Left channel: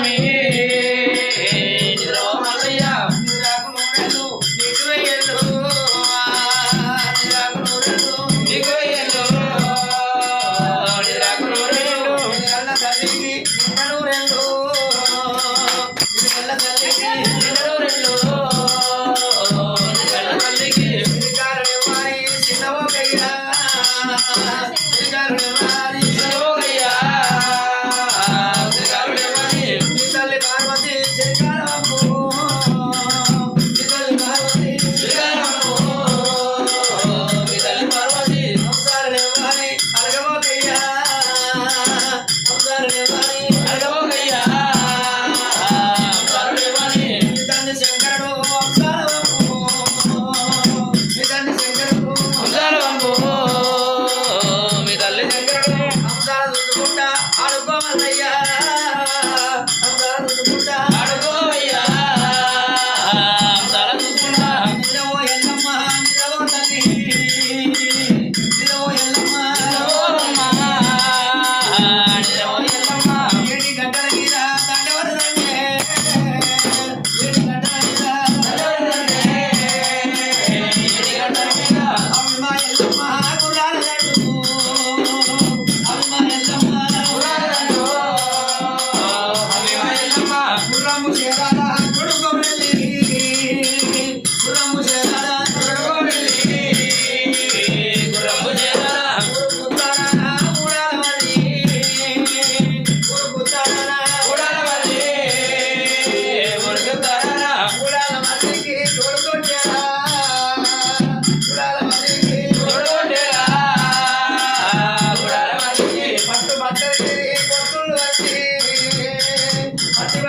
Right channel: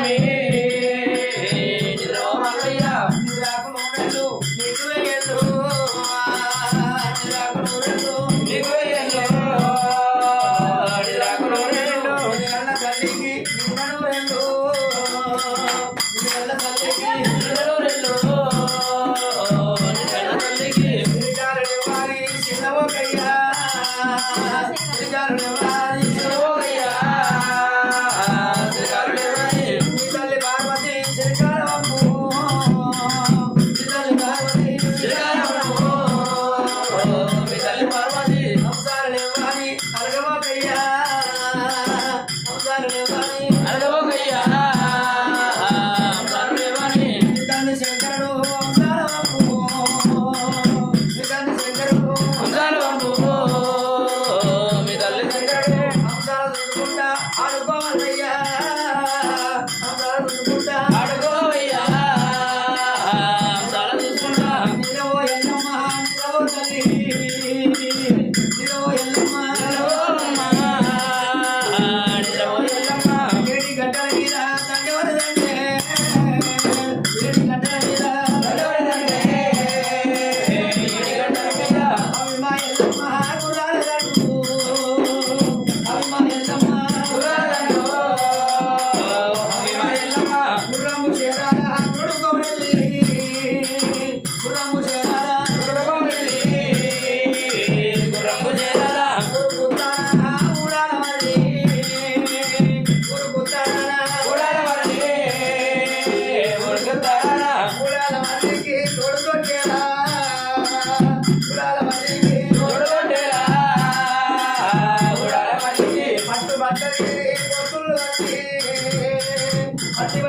స్వామి నిద్రో మల్లయ్య నిద్రకు నూనెలు నీకు వేయలు నిద్రకు నూనెలు నీకు వేయలు నిద్రకు నూనెలు నిద్రల తల్లికి నిద్ర నూనెలు నిద్రల తల్లికి నిద్ర నూనెలు నిద్రల తల్లికి నిద్రలు వారి చిన్నవోకయ్యా నిద్రలు వారి చిన్నవోకయ్యా అనుకోమల్లయ్యా అడుకోవయ్యా చాలా చూసుకుంటా నిరవో ఎల్లమ్మ నిరవో తల్లి నిరవో ఎల్లమ్మ నిరవో ఎల్లమ్మ ఏడి గంటల మీద దండవర దండే ఏడి గంటల మీద దండవర దండే ఏడి గంటల మీద అమ్మ ఎల్లమ్మ గురాల దండు అమ్మ ఎల్లమ్మ గుర్రము చేరాల కొడుకోరెల్లి గుర్రము చేరాల కొడుకోరెల్లి గుర్రము చేరాల గురుకుతాన ఊడాల వల్లి గురుకుతాన ఊడాల వల్లి గురుకుతాన ఊడాల వల్లికి తోడుకొట్టేరా ఊడాల వల్లికి తోడుకొట్టేరా ఊడాల వల్లికి పట్టు బట్టలకి పొత్తులు వచ్చి పట్టి